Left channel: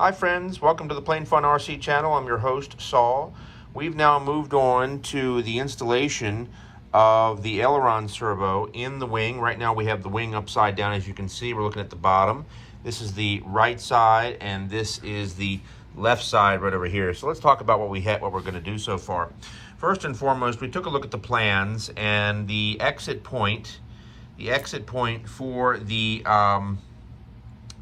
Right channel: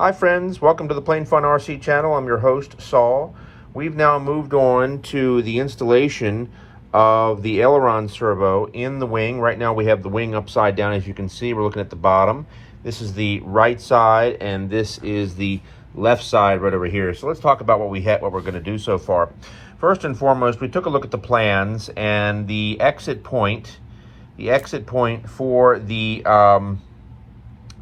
Hi friends, welcome to the Plain Fun RC channel. I'm your host, Saul. We've now moved on to the installation of the Aileron servo in the wing. Right now we have the wing upside down, as you can see. We're looking at the bottom. This is the right side and this is the left side right over here. So let's talk about what we're going to do so far. First and foremost, we took a look at the plans and the exit point for the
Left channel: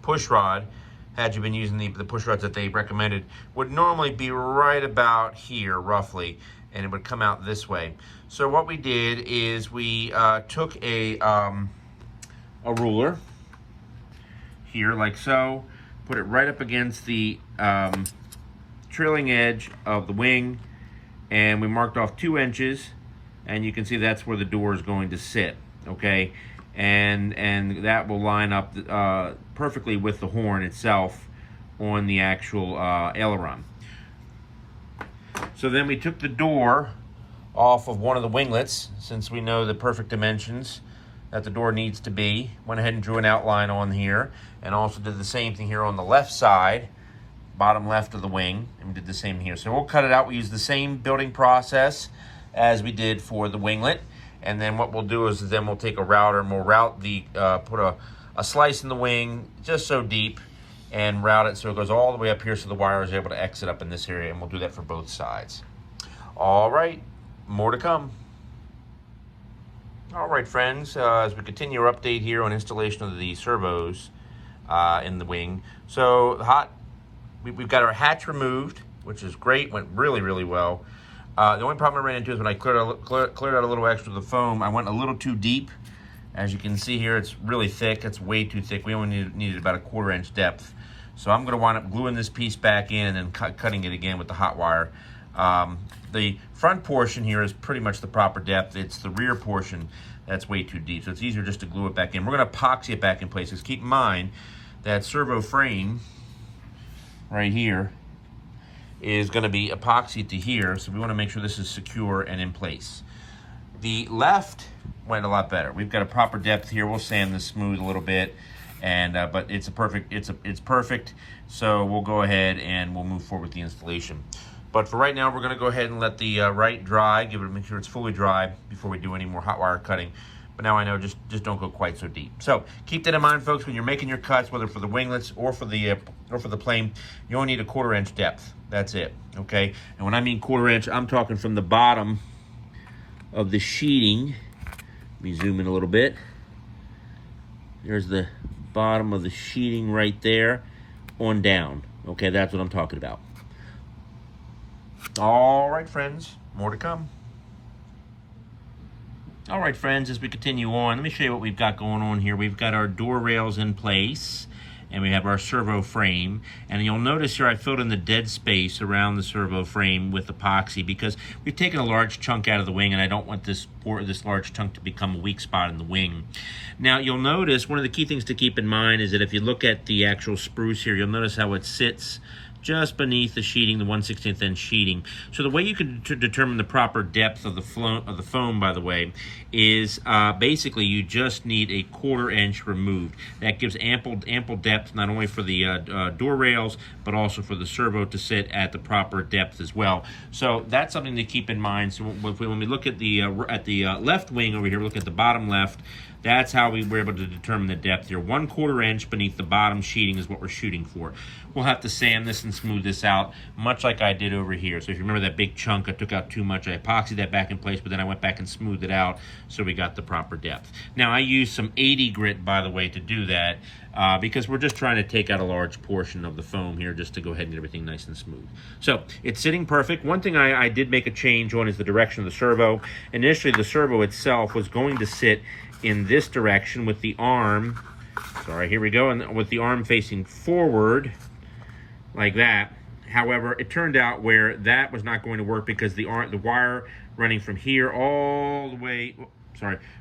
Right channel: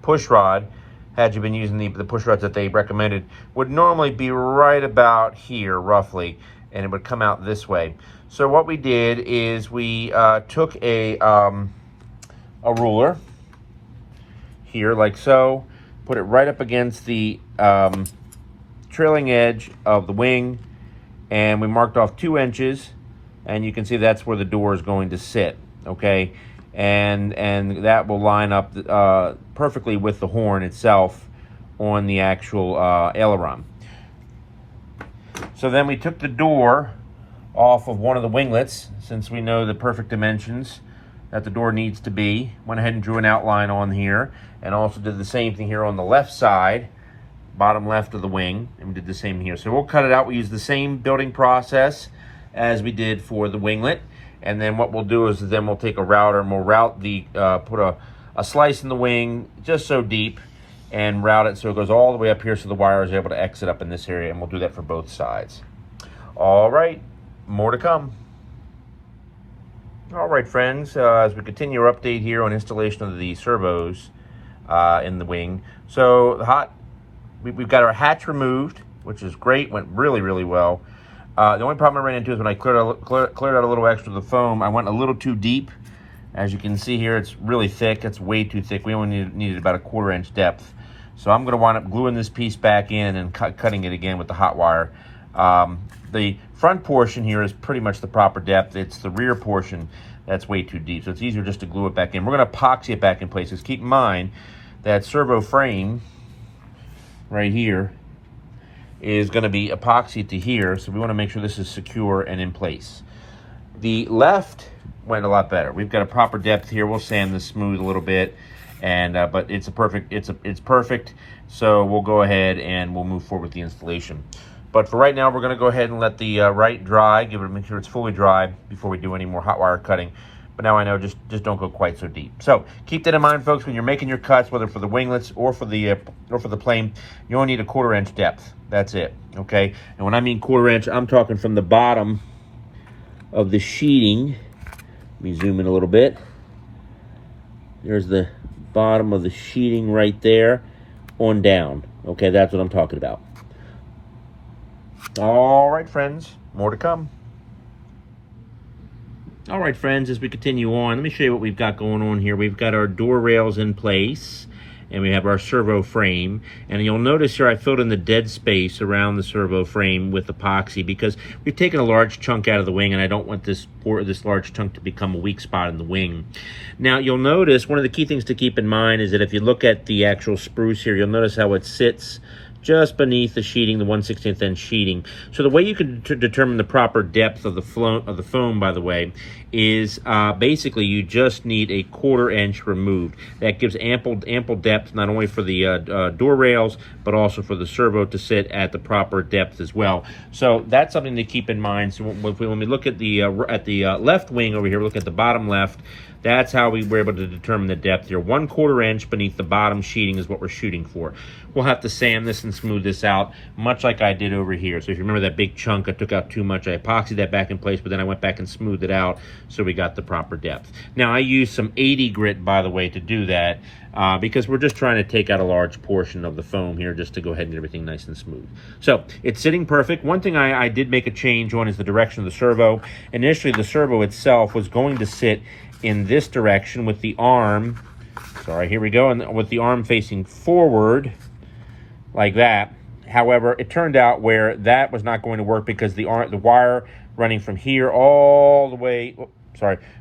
push rod, had you been using the push rods that they recommended, would normally be right about here roughly, and it would come out this way. So what we did is we took a ruler here like so, put it right up against the trailing edge of the wing, and we marked off 2 inches, and you can see that's where the door is going to sit, okay? And that will line up perfectly with the horn itself on the actual aileron. So then we took the door off of one of the winglets, since we know the perfect dimensions that the door needs to be. Went ahead and drew an outline on here, and also did the same thing here on the left side, bottom left of the wing, and we did the same here. So we'll cut it out. We use the same building process as we did for the winglet. And then what we'll do is then we'll take a router and we'll route the, put a slice in the wing just so deep and route it so it goes all the way up here so the wire is able to exit up in this area, and we'll do that for both sides. All right, more to come. All right, friends, as we continue our update here on installation of the servos in the wing. So we've got our hatch removed, which is great, went really, really well. The only problem I ran into is when I cleared out a little extra of the foam, I went a little too deep. As you can see here, it's really thick. It's way too thick. We only needed about a 1/4 inch depth. So I'm going to wind up gluing this piece back in and cutting it again with the hot wire. The front portion here is pretty much the proper depth. It's the rear portion that's way too deep. So it's easier just to glue it back in. We're going to epoxy it back in place. Because keep in mind that servo frame right here is going to be epoxied to here, so we want to make sure this is secure and in place. The left went a lot better. We've got a proper depth here. We'll sand this smooth a little bit, and but it's perfect. So we'll go ahead and we'll move forward with the installation. But for right now, we're going to go ahead and let the right dry. Make sure it's fully dry before we do any more hot wire cutting. But now I know, just don't go quite so deep. So keep that in mind, folks, when you're making your cuts, whether for the winglets or for the plane, you only need a 1/4 inch depth. That's it, okay? And when I mean 1/4 inch, I'm talking from the bottom of the sheeting. Let me zoom in a little bit. There's the bottom of the sheeting right there on down. Okay, that's what I'm talking about. All right, friends, more to come. All right, friends, as we continue on, let me show you what we've got going on here. We've got our door rails in place, and we have our servo frame. And you'll notice here I filled in the dead space around the servo frame with epoxy because we've taken a large chunk out of the wing, and I don't want this large chunk to become a weak spot in the wing. Now, you'll notice one of the key things to keep in mind is that if you look at the actual spruce here, you'll notice how it sits just beneath the sheeting, the 1/16 inch sheeting. So the way you can determine the proper depth of the foam, by the way, is basically you just need a 1/4 inch removed. That gives ample depth, not only for the door rails, but also for the servo to sit at the proper depth as well. So that's something to keep in mind. So when we look at the left wing over here, look at the bottom left, that's how we were able to determine the depth here. 1/4 inch beneath the bottom sheeting is what we're shooting for. We'll have to sand this and smooth this out, much like I did over here. So if you remember that big chunk, I took out too much. I epoxied that back in place, but then I went back and smoothed it out so we got the proper depth. Now, I used some 80 grit, by the way, to do that because we're just trying to take out a large portion of the foam here just to go ahead and get everything nice and smooth. So it's sitting perfect. One thing I did make a change on is the direction of the servo. Initially, the servo itself was going to sit in this direction with the arm, sorry, here we go, and with the arm facing forward like that. However, it turned out where that was not going to work because the wire running from here all the way,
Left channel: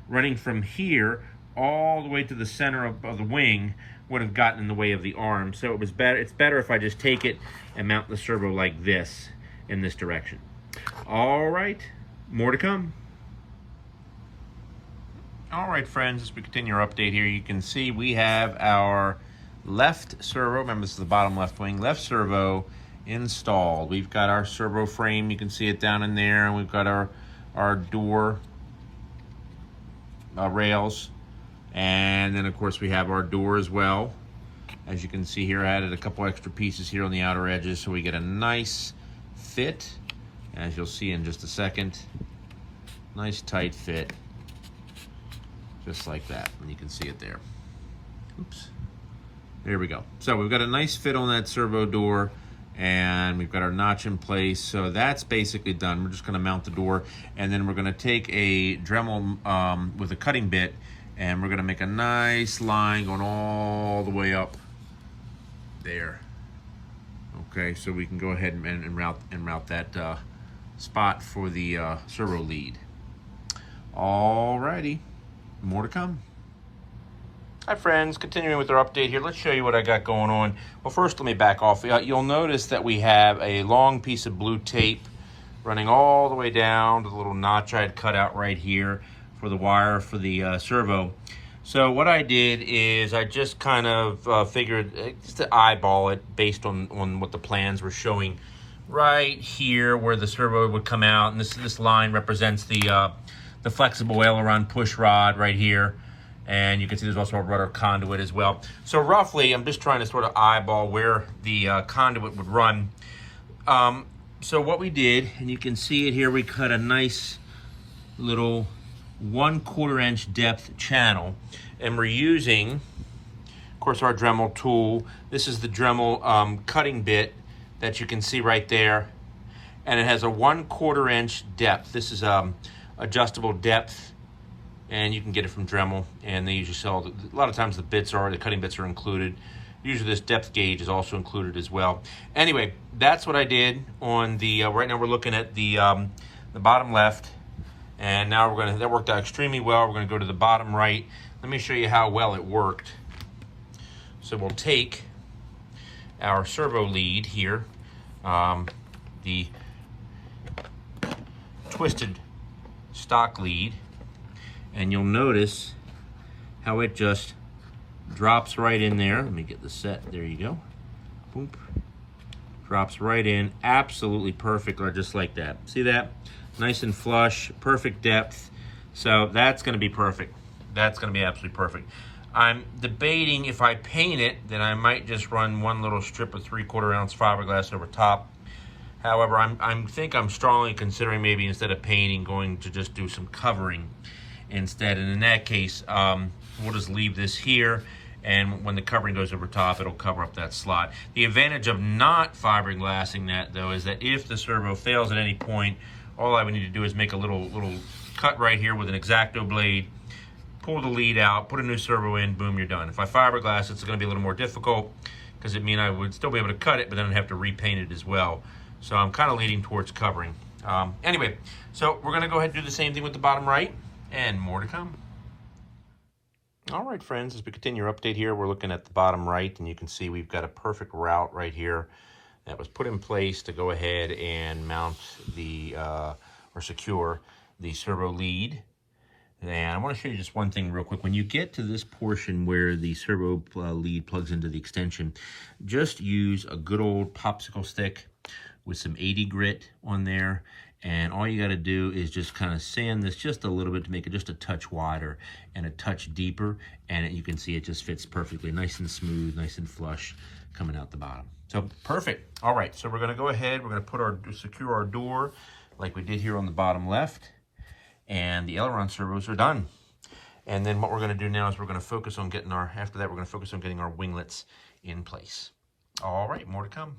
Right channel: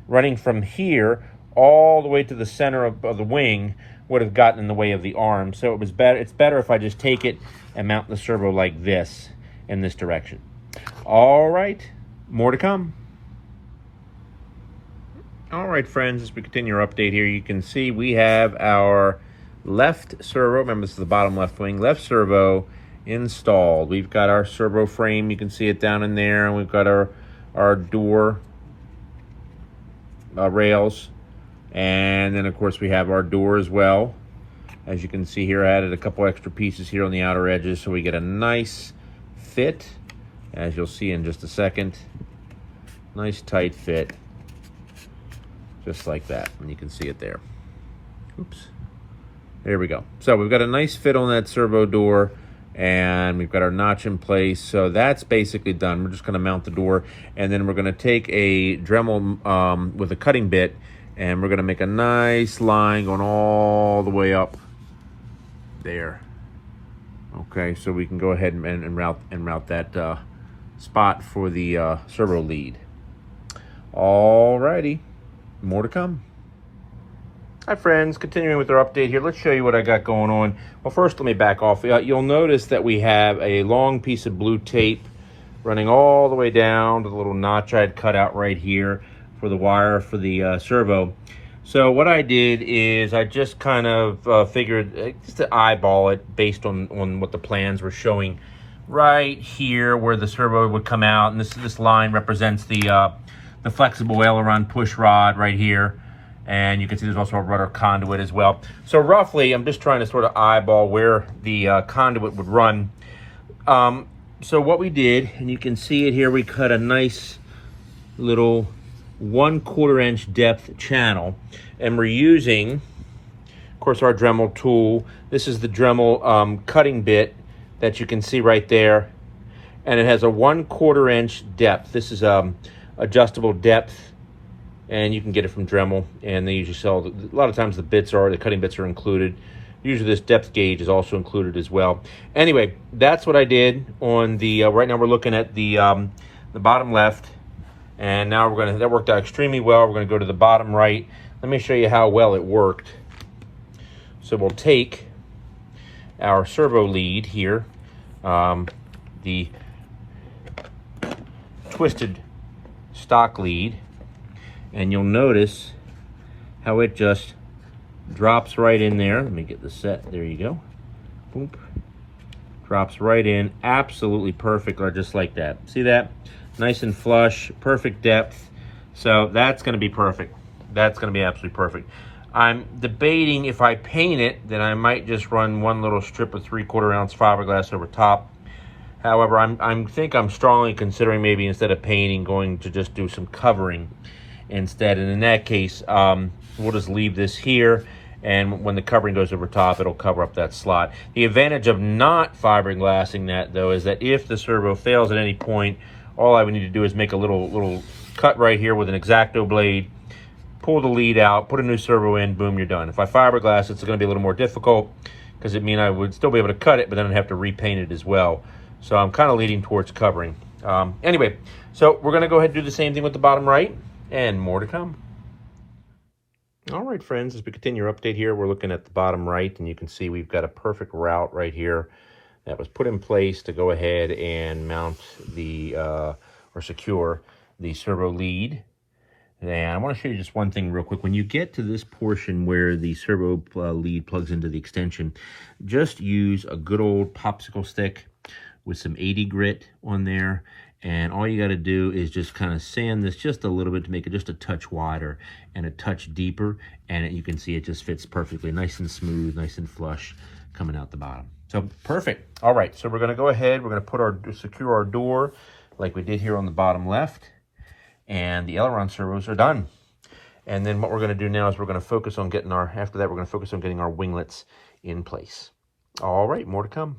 running from here all the way to the center of the wing would have gotten in the way of the arm. So it was better. It's better if I just take it and mount the servo like this in this direction. All right, more to come. All right, friends, as we continue our update here, you can see we have our left servo, remember this is the bottom left wing, left servo installed. We've got our servo frame, you can see it down in there, and we've got our door rails, and then of course we have our door as well. As you can see here, I added a couple extra pieces here on the outer edges so we get a nice fit, as you'll see in just a second. Nice tight fit, just like that, and you can see it there. Oops. There we go. So we've got a nice fit on that servo door, and we've got our notch in place. So that's basically done. We're just going to mount the door, and then we're going to take a Dremel with a cutting bit, and we're going to make a nice line going all the way up there. Okay, so we can go ahead and route that spot for the servo lead. Alrighty, more to come. Hi friends, continuing with our update here, let's show you what I got going on. Well, first let me back off. You'll notice that we have a long piece of blue tape running all the way down to the little notch I had cut out right here for the wire for the servo. So what I did is I just kind of figured just to eyeball it based on what the plans were showing right here where the servo would come out, and this line represents the flexible aileron push rod right here. And you can see there's also a rudder conduit as well. So roughly, I'm just trying to sort of eyeball where the conduit would run. So what we did, and you can see it here, we cut a nice little 1/4 inch depth channel. And we're using, of course, our Dremel tool. This is the Dremel Cutting Bit that you can see right there. And it has a 1/4 inch depth. This is adjustable depth, and you can get it from Dremel, and they usually sell, a lot of times the cutting bits are included. Usually this depth gauge is also included as well. Anyway, that's what I did on the, right now we're looking at the bottom left, and now that worked out extremely well. We're gonna go to the bottom right. Let me show you how well it worked. So we'll take our servo lead here, the twisted stock lead, and you'll notice how it just drops right in there. Let me get the set. There you go. Boom. Drops right in. Absolutely perfect, or just like that. See that? Nice and flush, perfect depth. So that's going to be perfect. That's going to be absolutely perfect. I'm debating if I paint it, then I might just run one little strip of 3/4 ounce fiberglass over top. However, I'm strongly considering maybe instead of painting, going to just do some covering instead. And in that case, we'll just leave this here, and when the covering goes over top, it'll cover up that slot. The advantage of not fiberglassing that, though, is that if the servo fails at any point, all I would need to do is make a little cut right here with an X-Acto blade, pull the lead out, put a new servo in, boom, you're done. If I fiberglass, it's going to be a little more difficult, because it means I would still be able to cut it, but then I'd have to repaint it as well. So I'm kind of leaning towards covering. Anyway, so we're going to go ahead and do the same thing with the bottom right, and more to come. All right, friends, as we continue our update here, we're looking at the bottom right, and you can see we've got a perfect route right here that was put in place to go ahead and mount the, or secure the servo lead. And I want to show you just one thing real quick. When you get to this portion where the servo lead plugs into the extension, just use a good old popsicle stick with some 80 grit on there, and all you got to do is just kind of sand this just a little bit to make it just a touch wider and a touch deeper, and you can see it just fits perfectly, nice and smooth, nice and flush coming out the bottom. So perfect. All right, so we're going to go ahead, we're going to secure our door like we did here on the bottom left, and the Aileron servos are done. And then what we're going to do now is we're going to focus on getting after that we're going to focus on getting our winglets in place. All right, more to come.